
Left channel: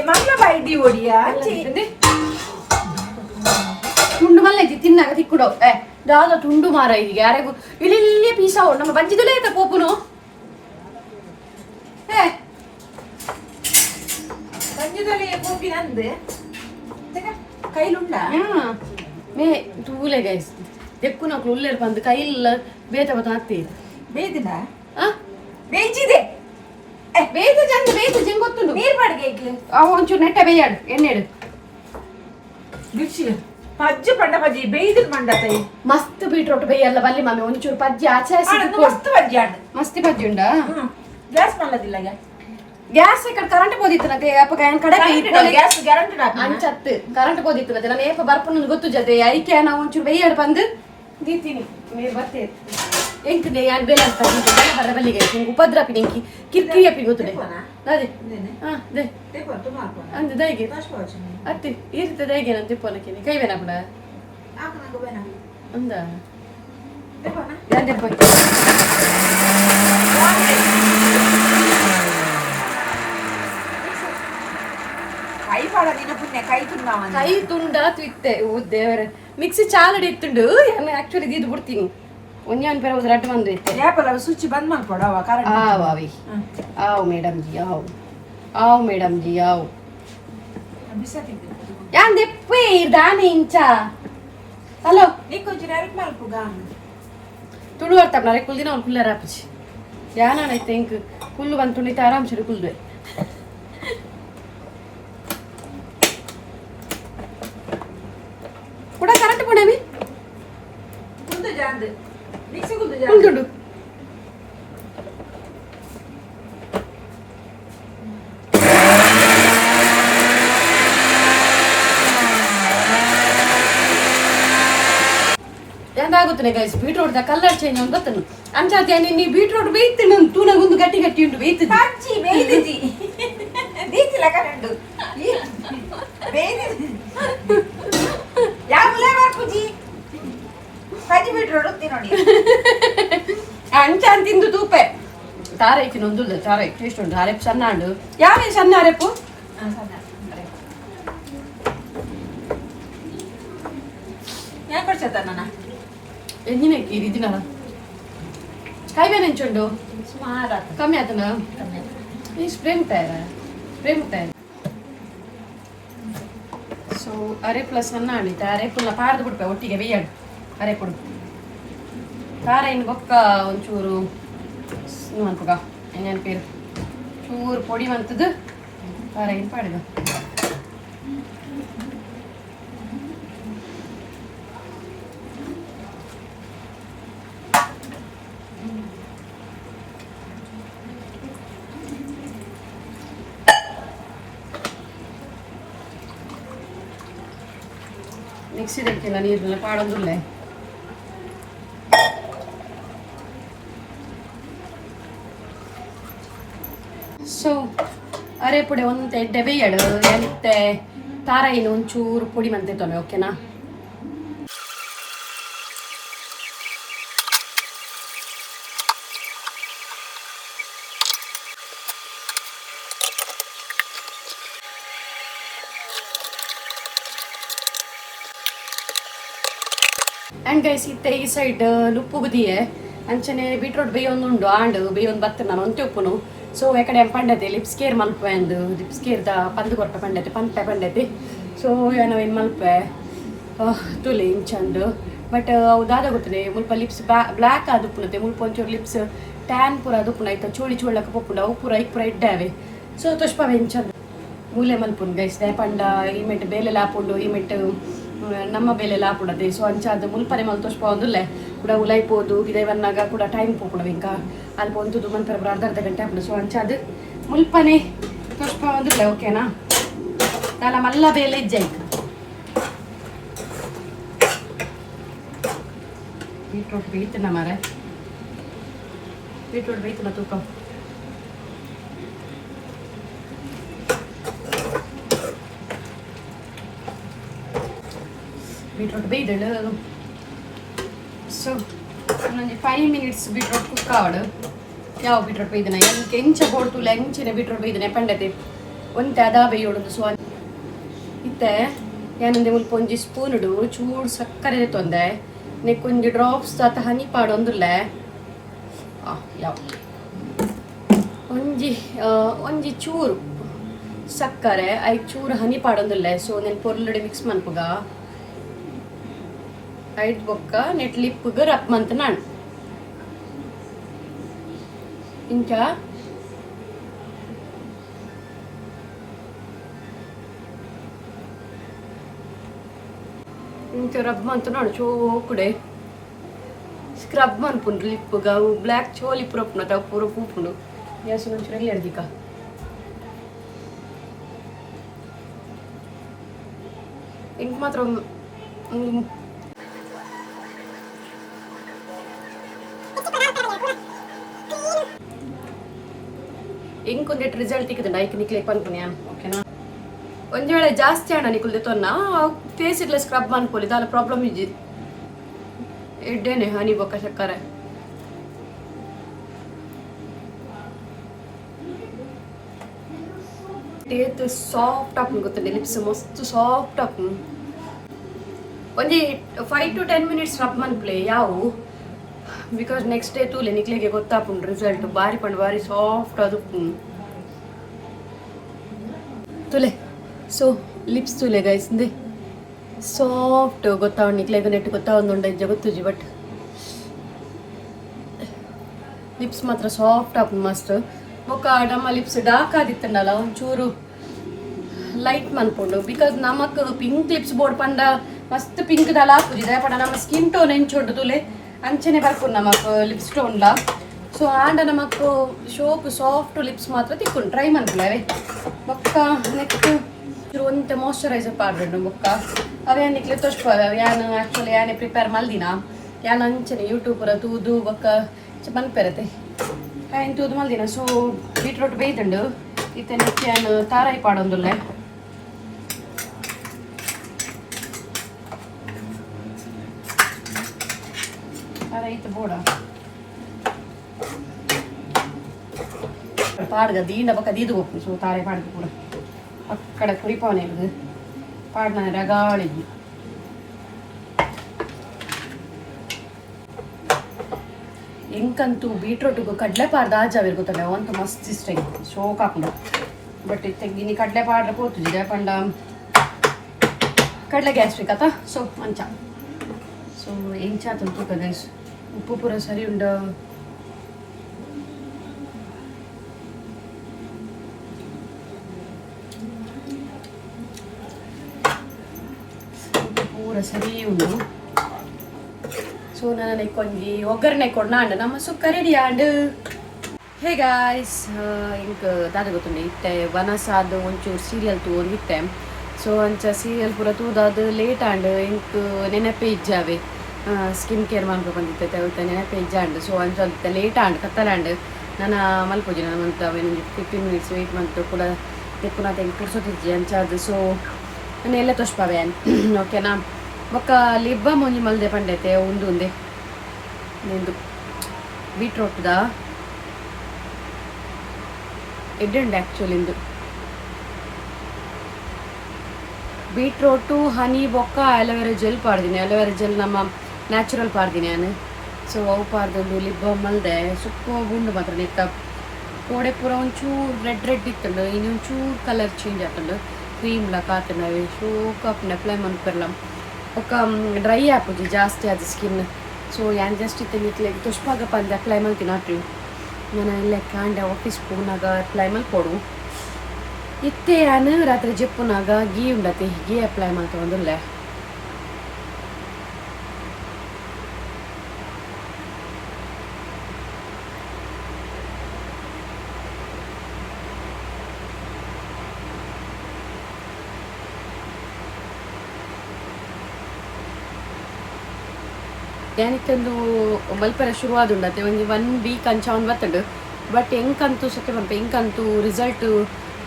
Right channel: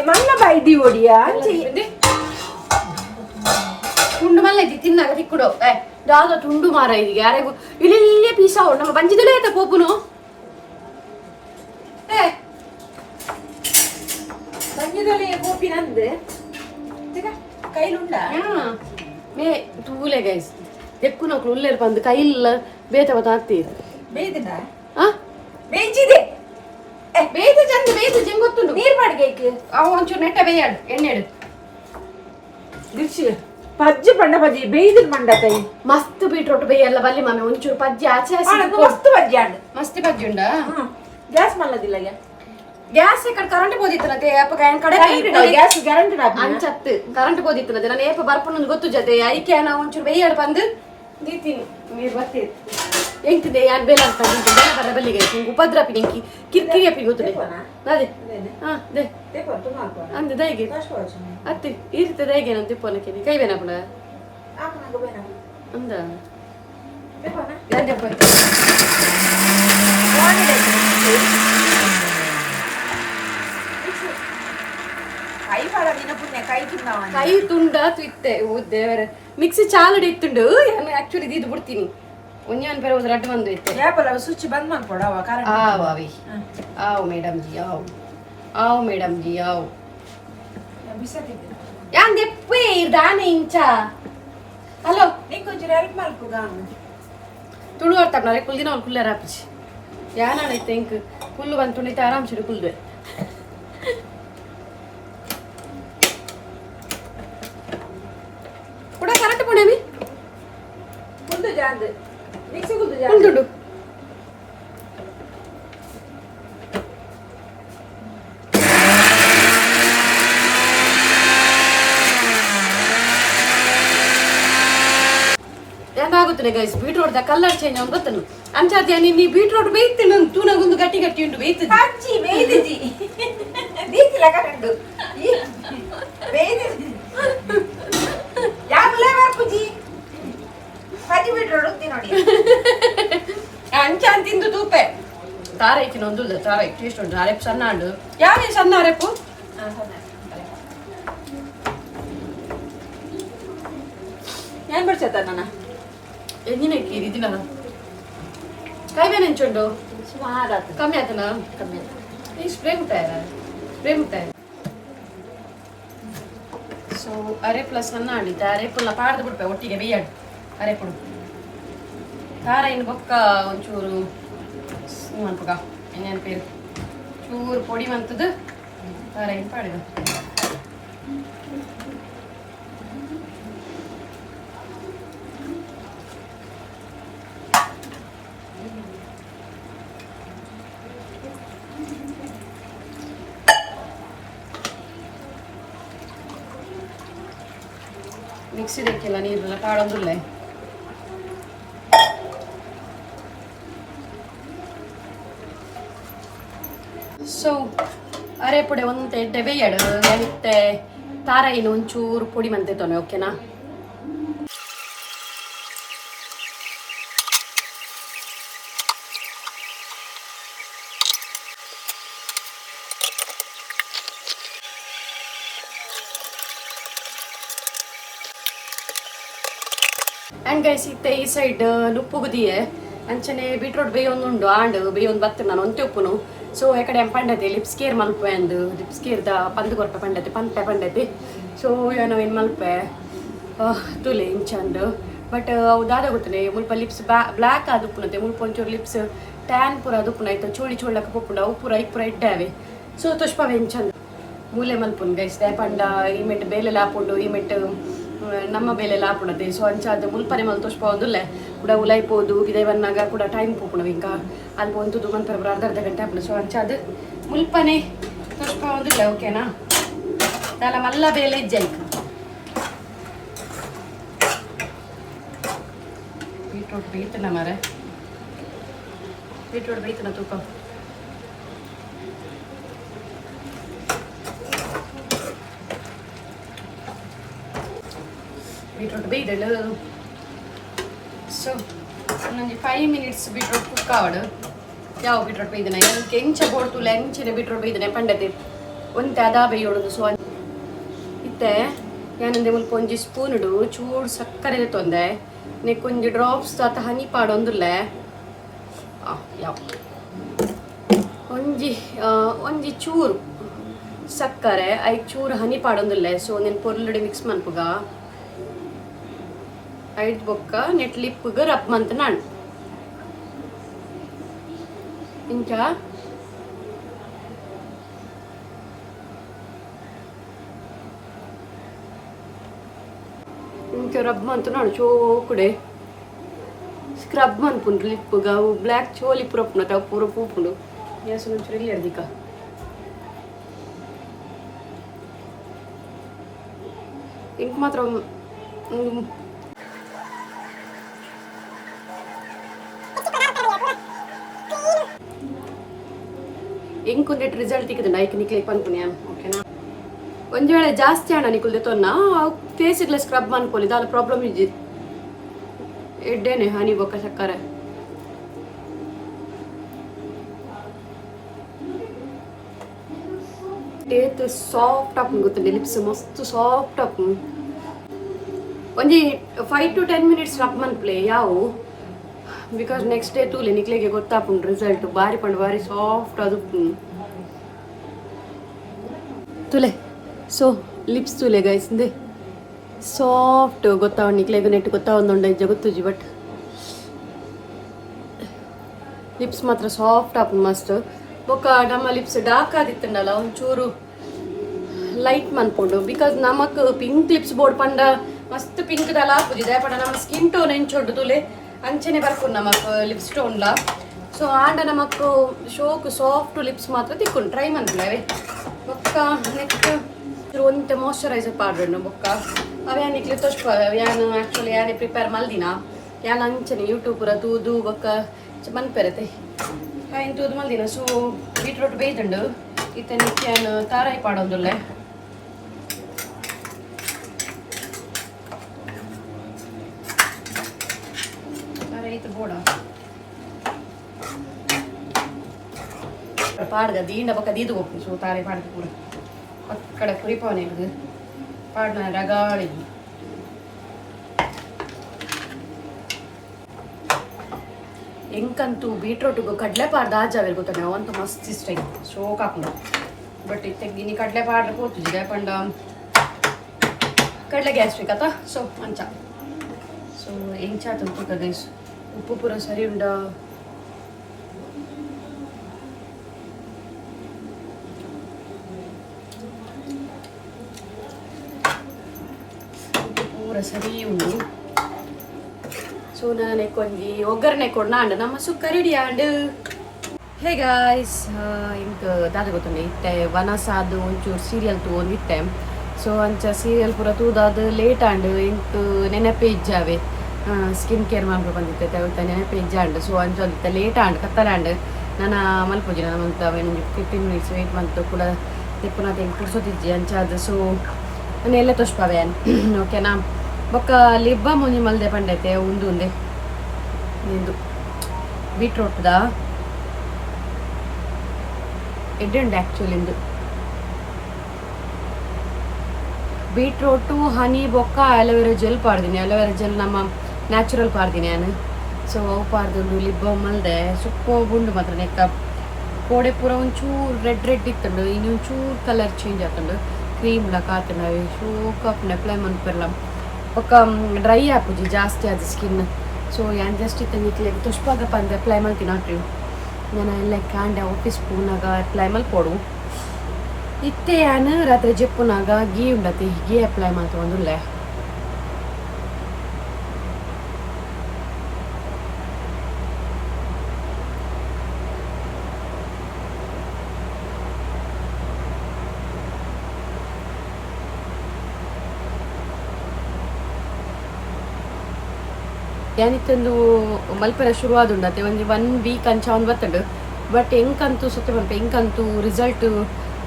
ಮಲ್ಲ ಬಾಯ್ದಿ ಓಡಿಯಾ ತುಂಡು ಮಲ್ಲೆಜ್ಜಿ ತಿನ್ನಾಗ ತಿಕ್ಕುಡೋ ದಾದ ತುಂಡು ಮಾರ ಇದೀಗ ಯಾರಿಗೂ ಇಲ್ಲಿ ಪೀಸಾ ನಮ್ಮ ಬಂಜಿದಲೇ ಆಯ್ತಾ ಪೋಪುನು ಸಂಗೀತದಲ್ಲಿ ಮೂಗಿನಂದು ಕೈಲುಂಡ ಮೇ ತೂಲೆ ಗೈಸ್ ಎಕ್ಕು ನಕ್ಲು ಉಲ್ಲೇರ್ ಬಂದು ಕೈಲ್ಲ ಬೇತವ ತಾತ್ತೀರಿ ಬೇಯ್ದಿನ ಆ ಬೇಯ್ಜಿದೆ ಬೇಯ್ದು ಚಂದ ಬೇಯ್ದು ಜಂಗ್ ಗೊತ್ತುಂಡು ನೀರ್ ಬಾಡ್ಗೆ ಅವು ಒಂಚೂರು ನೆಟ್ಟ ಬೇಯಾಡು ಎಣ್ಣೆಡು ದಿಕ್ಷಿ ಪಜ್ಜಿ ಪಂಡ ಪಜ್ಜಿ ಬೇಯ್ದು ಮಂಡತೈ ಮಸ್ತ್ ಬೀಟ್ರೋಟ್ ಬೇಯಲ್ಲ ಬಲ್ಲಿ ಮಮ್ಮಿ ಒಂಚೂರು ಪಜ್ಜಿ ಆಚೆ ಮಸ್ತ್ ಪಜ್ಜಿ ಆಡು ಮಸ್ತ್ ಪಜ್ಜಿ ಉಂಡ ಗ್ಯಾಸ್ ಮಲ್ಲದಿಲ್ಲ ಗ್ಯಾಸ್ ఇక్కడ కరెంట్ పోదిస్తున్నది ఏప కడ ಗ್ಯಾಸ್ ಗ್ಯಾರಂಟಿ ಅಂಚತ್ತು ಕರೆಂಟ್ పోదిస్తున్నది ನಾನು ಏಪ ಬರ್ಪುನ ಗೊತ್ತು ಜತೆ ಐಕೆ ನಾ ಒಂಚೂರು ಬೇಯಾಡು ಬಂದು ದೀತೀನಿ ನೀರು ಬರ್ತೇವೆ ಎಂತಿದೆ ಯಾನ್ ಬೇಲ ಅಂತ ಬರ ಬಲ್ಲಿಗೆ ಉಪದ್ರಪಿ ನಿಂಕಿ ಕಿರ್ಕಿರಿ ಅಪ್ಪಿ ಗೊತ್ತದೆ ಅದೇ ಹಾ ದೇ ಅಂದ ದೈಗೆ ಅತ್ತಿ ಈರ್ತ ದೈಗೆ ನಾನು ತಿಪ್ಪನಕ್ಕೆ ಕೈ ಬೇನ ಪುಡ ಅಂದ ಯಾನ್ ದೆಪ್ಪ ಕೈ ತುಂಡ ತಿಟ್ಟೆ ಓ ದೇವರೇ ಮಿಕ್ಸಿ ಚಾಲಡಿ ಇತ್ತುಂಡು ಆಕ್ಚುಲಿ ಇದು ಬಿಡ್ತೀನಿ ಒಂಜಾನ್ ಬೇರೆ ಒಂದು ರಡ್ಡು ಬಂದು ಇತ್ತೆ ಯಾಪಲ್ಲ ಸ್ವಿಚ್ ಬಂದ್ ಮಾಡ್ಕೊಡವ ಕರೆಂಟ್ ಆವ್ ಅವಿ ಆವ್ ಮೇಡಮ್ ಜಿ ಆವ್ ಮೇಡಮ್ ಜಿ ಆವ್ ಯಾನ್ ದೆಪ್ಪೆ ದಾನೆ ಇಂಚ ಹಲೋ ನೀಕೊಂಚೂರು ಹೆಲ್ಪ್ ಮಾಡ್ಕುಗ ತುಳು ಅರ್ಥಪ್ನಾರೆ ಕುಲ್ದಿನ ಅವ್ನು ಕುಲ್ಲರ ಹಾಪಿಸಿ ಯಾನೈತೆ ಇಂಕ್ ಕುಲ್ಲು ಬಂದು ತುಳಿತ ಆರಾಮ್ಸಿಡು ಕುಲ್ದೆ ಕೂಡ ಕರೆಕ್ಟ್ ಪುಣೇವಿ ಕುಲ್ದುಂಡು ಎಂದಾಗುತ್ತದೆ guys beetroot the colour change ಅಂತ ಗೊತ್ತನು ಅಂಚಾರ್ಜಿ ನೀ ಬೀಟ್ರೋಟ್ ಬೇಯ್ತು ನಾನು ತೂನಗೊಂದು ಗಟ್ಟಿ ಗಟ್ಟಿ ಉಂಟು ಬೇಯ್ತದೆ ಅಜ್ಜಿ ಬೇಯ್ದಿಜಿ ದೀತಿಲ ಕರೆಂಟು ಬೇಯ್ದಿಜಿ ಯಾಮಲೆ ಬಾಪುಜಿ ಪಜ್ಜಿ ಬಿಟ್ರೋಡು ನೋಡಿ ಅಂಚ ತಿಂದು ತೂಪೆ ತಾರೆ ಇಚ್ಚಿನ ಒಂದು ತಾರೆ ಟೇಸ್ಟ್ ಉಂಟು ಅರೆಪ್ಪು ಸಣ್ಣ ಉಂಡು ಯಾವ ಸಣ್ಣ ಅರೆಪ್ಪು ಏನ್ ಬರ್ಸತ್ತ ನನ್ನ ಎಂಜಿನಕ್ಕೆ ಇದಿನ ಕಾಯ್ಬೇನೆ ಹೆಂಚುಂಡು ಸುಮಾರು ಕಮ್ಮಿ ಆತನ ಕಮ್ಮಿ ಈ ಸ್ಪ್ರಿಂಗ್ ಟೈಮ್ ಸೊ ಅರೆಪ್ಪುಲ ಸಣ್ಣ ಅಳಿತ ಅರೆಪ್ಪುಲ ಪಾಡ್ದು ಬಿಡ್ಪೆ ಒಟ್ಟಿಗೆ ಬೇಯಾಡು ಅರೆಪ್ಪುಡು ಖಾರ ಇನ್ನು ಬೊಕ್ಕ ಒಂಚೂರು ಮಂತಗ ಇನ್ನೇನು ಪೇರು ಚೂರು ಪೊಡಿ ಮಂತದ್ದು ಖಾರ ಇನ್ನು ಪಾಡಿದ ಮಿಕ್ಸಿದಕ್ಕೆಲ್ಲ ನೀರೆಲ್ಲ ಪಾಡೋದಿಲ್ಲ. ಸೊ ಅರೆಪುಡೆ ಒಂದು ಎಡ್ಡೆ ಬೇಯಡು ಮತ್ತೆ ತಾರಾಯಿನ ಒಂಚೂರು ಪುಡಿ ಮಂತೇತೊಮ್ಮೆ ಓಕೆನಾ. ಆ್ಯಂಡ್ ಗೈಸ್ ಇತ್ತೆ ಈ ಸೈಡ್ ಲುಪ್ಪು ಬುದಿಯೇ ಅಂಚನೆ ಬೀಟ್ರೋಟ್ ಬೇಯೊಂದುಂಡು ಆಂಡು ಬೇಯೊಂದು ಬತ್ತ ನಾನು ಒಂತೆ ಉಪ್ಪುನು. ಸೊ ಎಕಡೆ ಪಂಡತೆ ಲಿಪ್ಸ್ ಕೇರ್ ಮಲ್ಪೆ ಅಂದು ಲಿಪ್ಸ್ ಕೇರ್ದ ಪಂದು ಕೊರಪ ಪಂಡತೆ ಪಂಪೆ ಪಂಡತೆ. ಸೊ ಏನವೇನು ಮಲ್ಪೆ ತುಲೆ ಇಂಚಂದು ಬಟ್ ಅವು ದಾದ ಗೊತ್ತಿದೆ ಮುಲ್ಪ ಲಿಪ್ಸ್ ಬ್ಲ್ಯಾಕ್ ಆದ ಉಪ್ಪುನತೆ ಮುಲ್ಪ ಒಂಚೂರು ಲಿಪ್ಸ್ ಟ್ಯಾನ್ ಪೂರ ಅದು ಉಪ್ಪುನ ಆಯ್ತು ಚೋಳಿ ಚೋಳಕ್ಕೆ ಪಪ್ಪುಂಡ ಅವು ಪೂರ ಇಪ್ಪುರ ಇಡ್ಡಾವೆ. ಸೊ ತುಷ್ಪವೆ ಇಂಚಂದು ಮೂಲೆ ಮಲ್ಪುಂಡು ಗೈಸ್ ಪಂಡ ಈ ಮೆಟ್ಟು ಬೇಲೆ ಲಾಪುಂಡು ಈ ಮೆಟ್ಟು ನಮ್ಮ ಬೇಲೆ ಲಾಪುಡತೆ. ಸೊ ಅಂಚಾದ ಮುಲ್ಪನೆ ಮಲ್ ತೋಷ್ಪೋದುಲ್ಲೆ ಕೂಡ ಉಲೈಪೋದು ಬಿದೈವನ್ನಾಗ ಕೂಡ ಟೈಮ್ ಪೋಪುಣ ಇಂಕ ಅಲ್ಲಿ ಒಂದು ಮಂತರ ಅರ್ಧ ಗಂಟೆ ಹಾಪುಣ. ಸೊ ಅಂಚಾದ ಮುಲ್ಪನೆ ತೋಷ್ಪೋದುಲ್ಲೆ ಓಕೆನಾ. ನಾಲ ಮಲ್ಲ ಬೇಲೆ ಇಜ್ಜಾಯ್ಕ ಬೀಟ್ರೋಟ್ ಬೇಯ್ತನ ಮರ ಬೀಟ್ರೋಟ್ ಬೇಯ್ತನ ತೂಕ ಬೀಟ್ರೋಟ್ ಬೇಯ್ದಳು. ಸೊ ಒಂದು 5 minutes ಬೀಟ್ರೋಟ್ ಕುಕ್ ಆವಡು. ಯಾವ ಬೀಟ್ರೋಟ್ ಬೇಯ್ದನ ಎಂಕೆ ಎಂಚ ಬೋಡ್ತುಲ್ಲ ಎಂಚಿನ ಬೀಟ್ರೋಟ್ ಬೇಯ್ದನೆ ಪಂಡತೆ ಒಂತೆ ಅದಾ ಬೇಯೋಡುದು. ಸೊ ಇತ್ತೆ ಏನಂದೆ ಮುಲ್ಪ ಒಂಜಿ ಸ್ಪೂನುಡು ಚೂರು ಸಕ್ಕರೆ ತೊಂದೆ ನೆಕ್ಕೊಂಜಿ ಡ್ರಾಪ್ಸ್ ಅತ್ತ ಹನಿ ಪಾಡೊಂದುಲ್ಲೆ ಯಾವ ಒಂಜಿ ಚೂರು ಸಕ್ಕರೆ ಐದು ಚೂರು ಹನಿ ಪಾಡೊಂದುಲ್ಲೆ. ಸೊ ನೆನ್ ಪೊರ್ಲುಡಿ ಮಿಕ್ಸ್ ಮನ್ಪುಗ ಐದು ಬೊಕ್ಕ ನೆಟ್ ಲಿಪ್ಪಿಗೆ ರಪ್ ಮಂತ ನಾನು ಇಂಚ ಇಂಚ ರಬ್ ಮಂತ ನಾನು ಚೋಕುಡೆ ಸ್ಕ್ರಬ್ ಮನ್ಪುಂಡು ಲಿಪ್ಪಿಗ ಅವು ಬ್ಲ್ಯಾಕ್ ಚೋಲಿ ಪುರಪ್ಪುನತ ಅವು ಪೂರ ಪೂಪುಂಡು ಗ್ಯಾಸ್ ಒಂಚೂರು ಎಲ್ಲಿ ಹಿಡ್ದಿಕ ಇಂಕ ಮಾತ್ರ ಇಂಕೊಂದೆಟ್ಟು ರಿಸಲ್ಟ್ ಇಕ್ಕದ ಐಕ್ ನಿಕ್ಲಿಕ್ ಪನ್ಪುನ್ಯ ಓಕೆನಾ. ಒಂದು ವೇಳೆ ಜಾಸ್ತಿ ಹಣ ನಿಕುಲ್ದೆ ತೊನ್ನ ಫೇಸಿಗ್ಲ ಸ್ಕ್ರಬ್ ಮನ್ಕೊಲಿ ದಾಲ ಪ್ರಾಬ್ಲಮ್ ಇಜ್ಜಿ ಎಡ್ಡೇನೆ ಹನಿ ಬೊಕ್ಕ ಸಕ್ಕರೆ ಟೇತ್ ಸಾಫ್ಟ್ ಆಪುಂಡು ಗೊತ್ತಂಡೆ ಲಿಪ್ಸ್ ಮಸ್ತ್ ಸಾಫ್ಟ್ ಆಪುಂಡು. ಒಂಜಿ 5 to 10 minutes ರಬ್ ಮನ್ಪ್ಲೆ ಯಾವು ಬಿಕಾಸ್ ನೆಕ್ಸ್ಟ್ ಡೇ ತೂಲೆ ನಿಕ್ಲೆಗೆ ಗೊತ್ತಾಪುಂಡು ರಿಸಲ್ಟ್ ಬಾರಿ ಪಂಡು ಬಾರಿ ಸಾಫ್ಟ್ ಅದು ತುಲೆ. ಸೊ ಲಿಪ್ಸ್ ತುಲೆ ಗೈಸ್ ಇಂದೆ ಸಾಫ್ಟ್ ಗೊತ್ತಾವ ನಿಕ್ಲೆಗೆ ನೆಟ್ಟು ಗೊತ್ತಾವೊಂದುಂಡ ಇಜ್ಜ ಗೊತ್ತುಜಿ ಬಟ್ ಲಿಪ್ಸ್ ಮಾತ್ರ ಸಾಫ್ಟ್ ಆಪುಂಡು ಮಸ್ತ್. ಬೊಕ್ಕ ನಮ್ಮ ಲಿಪ್ಸ್ ಡಾರ್ಕ್ ಆದಿತ್ತಂಡಲ್ಲ ಒಂಚೂರು ಲೈಟ್ ಮನ್ಪುಂಡು ಬಿಕಾಸ್ ನಮಕ್ ಪಿಂಕ್ ಲಿಪ್ಸ್ ಬೋರ್ಡ್ ಪಂಡ ಮಸ್ತ್ ಪಿಂಕ್ ದಾಲ ಹಾಕುದಿದೆ ಪಂಡ ನಮ್ಮ ಸ್ಕಿನ್ ಟೋನ್ ಎಂಚೊಡ್ಡು ತುಲೆ ಅಂಚನೆ ಬರ್ಕೊಂಡು ನಮಕ್ ಲಿಪ್ಸ್ ಟೋನ್ಲ. ಸೊ ಆಂಡ ನಮಕ್ ಶೋಕ್ ಸಾಫ್ಟ್ ಲಿಪ್ಸ್ ಮಾತ್ರ ತಿಕ್ಕೊಂಡು ಟ್ರೈ ಮನ್ಪುಲೆ ಬೊಕ್ಕ ನೆಕ್ಸ್ಟ್ ಒಂತೆ ಮಾಯ್ಶ್ಚರೈಸರ್ ಪಾಡ್ಬೇಡ ಬೊಕ್ಕ ಅವೇ ನಿಕ್ಲೆ ತೋರ್ಸ್ಪ ಯಾನು ಆ್ಯಕ್ಚುಲಿ ಯಾನೇ ಪ್ರಿಪೇರ್ ಮಲ್ದಿನ ಯಾನು ಅಂಚನೆ ಯೂಟ್ಯೂಬ್ ಪೂರ ತೂದು ಬೊಕ್ಕ ಮನ್ಪೆರತೆ ಏನು ತೂದು ಮಲ್ದಿನ. ಸೊ ಬೀಟ್ರೋಟ್ ಬೇಯ್ತಂಡು ಇತ್ತೆ ನೆಕ್ಸ್ಟ್ ಯಾನು ತಾರಾಯಿ ಪಾಡೊಂದುಲ್ಲೆ ತಾರಾಯಿತು ಬೋಡ ಪಾಡ್ಗ ದೀಂಡ ಬೊಕ್ಕ ದೀದು ಹೋಗ್ತೀನಿ. ಸೊ ತಾರಾಯಿ ಪಾಡ್ದು ಕೂಡ ಅಕ್ಕಡ ಕುರಿಪವನೆ ಪಾಡ್ನ ರಗಾಳಿದ್ವಿ ಎಂಕಂತೂ ಬೀಟ್ರೋಟಿಗೂ ಕಡಲೆ ಪಾಡ್ದು ಆಜಾವಿಲ್ ಗೊತ್ತಾನೆ ಅವಂತೂ ಮಸ್ತ್ ಇಷ್ಟ ಶೋಕ್ ಹಾಕೊಂಡು ಬಟ್ ತೆಗಿನಿ ಕಡಲೆ ಪಾಡ್ರೆ ಪೋತಿದ್ದೆ ಪಂಡ ಕಡಲೆ ಗ್ಯಾಸ್ಟ್ರಿಕ್ ಆತ. ಸೊ ಅಂಚ ಸೊ ಎಂಚಾತು ತೂಕ ಗೈಸ್ ಉಪ್ಪು ಪೂರ ಸರಿ ಉಂಡ ಪೂರ ಸರಿ ಉಂಡು. ಸೊ ನಾನು ಕೊಂಜಿ ಒಗ್ಗರಣೆ ಕೊಡ್ ನಾಂಡು ನಮ್ಮ ಸುಕ್ಕ ರೆಡಿ ಆಂಡು. ಹೇ ಗಾಯ್ಸ್ ಇಂಕ ದಾದ ಗೊತ್ತುಂಡೆ ಇತ್ತೆ ವನಸಾದ ಒಂಚೂರು ಸೀರಿಯಲ್ ತಗೊಂಡಿತ್ತೆ. ಸೊ ಅಂಚ ಸೀರಿಯಲ್ ಪೂರ ತೂದಾದ ಲೇಟ್ ಆಂಡ್ ಇಂಕ್ ನೆನಪೇ ಇಜ್ಜಾವೆ ಸ್ಕಿನ್ ಕೇರ್ ಮಾಡ್ಕೊ ಬಂದಿತ್ತೆ ಅವತ್ತ ನೆನಪೇ ಇಜ್ಜಾಂಡು ಸೊ ಅಂಚ ಅಂತ ಲೇಟ್ ಆಂಡ್ ಕತ್ತಲಾಂಡ್ ನಾನು ಮಲ್ಪೋಜಿ ನಾನು ಮಂತ ನಿಮಗೆ 15 ಮಿನಿಟ್ಸ್ ವೆಯ್ಟ್ ಮಂತು ಕೂಡ ಪುನಃ ತೆಗೆ ಕುಡ್ಸೋತಿಜ್ಜಿ ಅಂಚಾದ ಸೊ ನಾನು ಎಲ್ಲ ತೋಷ್ಪಾವೆ ಓಕೆನಾ ಬೊಕ್ಕ ಲಿಬ್ಬ ಮುಂಜಿ ಮಲ್ದೆ ಪಂಡೈತೆ ಉಂದೆ ನಿಂದು ಬೀಟ್ರೋಟ್ದ ಎಡ್ಡುಂಡು ಆ್ಯಕ್ಚುಲಿ ಇಂದು ಬೀಟ್ರೋಟು ಹನಿ ಬೊಕ್ಕ ಅಲೋವೆರಾ ಜೆಲ್ ಪಾಡ್ದೀನಿ ಅಲೋವೆರಾ ಜೆಲ್ ನಮ್ಮ ನ್ಯಾಚುರಲ್ ಪಾಡ್ದೀನಿ ನಾನು ಸೊ ಅವು ಪಾಡ್ದೊಂದು ಲಿಬ್ಬ ಮಲ್ದೆ ಸುಪ್ಪ ಗುಂಡು ಮಾತ್ರ ನೆಕ್ಕ ಕೋಡೆ ಪೂರ ಒಂಚೂರು ರೆಡ್ ಇತ್ತಂಡು ಇನ್ನೊಂಚೂರು ಕಲರ್ ಚೇಂಜ್ ಆಗ್ತಂಡು ಕ್ರೀಮ್ಲ ಕಾತನವೆ ಶೋಕಾಪುನ ಅಪ್ಲೈ ಮನ್ಪರ್ಲ ఒక డ్రై ఆపుద్ది ಜಾಸ್ತಿ ಅದು ಸ್ಕಿನ್ ಸೊ ಯಾನ್ ಜಸ್ಟ್ ಇತ್ತಂಗಿತ್ಲೆ ತುಷ್ಪಾಗ ಪಂದ ಅಪ್ಲೈ ಮಲ್ತೀನಿ ನಾಟ್ರಿ ನಾನು ಎಲ್ಲ ಕಾಂಡೆ ಆಫೀಸ್ ಪೂನಾಗ ಅಪ್ಲೈ ಮಲ್ಪೋಡು ಇತ್ತೆ ಯಾನು ರಾತ್ರಿ ಜೆಪ್ಪುನಾಗ ಗೀ ಉಂಡತಿ ಗೀ ಅಪ್ಲೈ ಮಾಡ್ತೊಂದುಲ್ಲೆ ಏನಿತ್ತಂದು ಮಲ್ಪರೆ ಶುರುವಾದುಂಡತೆ ಒಂದು 1 ವೀಕ್ ಅಂಚ ಒಂದು ಬತ್ತಂಡು ಬಟ್ ಎಂಕಂತೂ ಸುತ್ತೆ ಬಂತ ಎಂಕಂತೂ ರಿಸಲ್ಟ್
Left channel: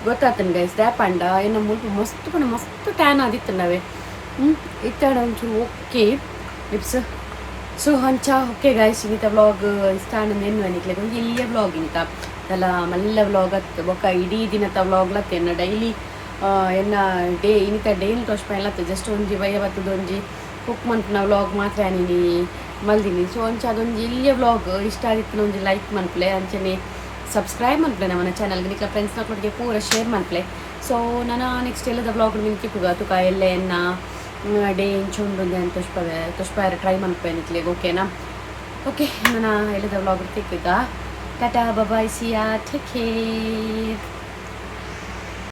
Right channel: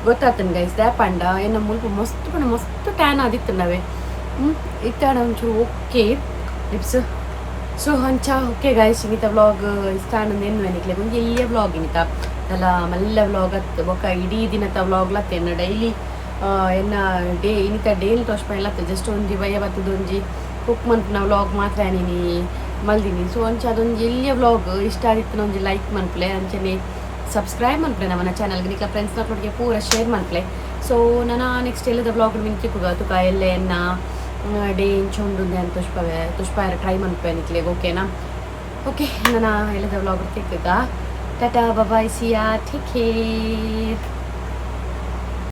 ಗೊತ್ತಾತಂಡು ಗೈಸ್ ದ್ಯಾಪಂಡ ಏನ ಮುಲ್ಪ ಮಸ್ತ್ ಟ್ಯಾನ್ ಆದಿತ್ತಂಡವೆ ಇತ್ತಾಡ ಒಂಚೂರು ಓಕೆ ಲಿಪ್ಸ್ ಸೊ ಅಂಚ ಓಕೆ ಗೈಸ್ ಇನ್ನಿತ ವ್ಲಾಗ್ ಇಷ್ಟ ಆನಂದ ಏನು ಅನಿಕ್ಲೆ ಒಂದು ಎಲ್ಲಿಯ ವ್ಲಾಗ್ ಇಂತ ಅಲ್ಲ ಮಲ್ಲ ವ್ಲಾಗ್ ಅತ್ತು ಬೊಕ್ಕ ಇಡೀ ದಿನದ ವ್ಲಾಗ್ಲತ್ತೆ ಎನ್ನ ಡೈಲಿ ಎನ್ನ ಡೇ ಇನ್ನಿತ ಡೇನ್ ತೋಷ್ಪ ಎಲ್ಲತ್ತೆ ಜಸ್ಟ್ ಒಂಜಿ ಬಯ್ಯ ಬತ್ತದೊಂಜಿ ಕುಕ್ ಮನ್ಪುನ ವ್ಲಾಗ್ ಮಾತ್ರ ಆನಿನಿ ಮಲ್ದಿನಿ ಸೊ ಅಂಚ ಅದೊಂದು ಎಲ್ಲಿಯ ವ್ಲಾಗ್ ಇಷ್ಟ ಆಗಿತ್ತು ಒಂದು ಲೈಕ್ ಮನ್ಪ್ಲೆ ಅಂಚನೆ ಸಬ್ಸ್ಕ್ರೈಬ್ ಮನ್ಪ್ಲೆ ನಮ್ಮ ಚಾನಲ್ಗೆ ನಿಕ್ಕ ಫ್ರೆಂಡ್ಸ್ ನೊಟ್ಟಿಗೆ ಪೂರ ಶೇರ್ ಮನ್ಪ್ಲೆ ಸೊ ನಾನು ನೆಕ್ಸ್ಟ್ ಎಲ್ಲದ ವ್ಲಾಗ್ ಮಿಂಕಿ ಕುಗ ತುಕ ಎಲ್ಲ ಎನ್ನ ಡೇ ಇಂಚೊಂದು ಅಂತ ತುಷ್ಪ ಟ್ರೈ ಮನ್ಪೆ ನಿಕ್ಲೆಗೆ ಓಕೆನಾ ಓಕೆ ನಾನು ಎಲ್ಲದ ವ್ಲಾಗ್ ತಿಕ್ಕಿದ್ದ ಟಾಟಾ ಬಾಯ್ ಸಿಯಾ ಟೇಕ್ ಕೇರ್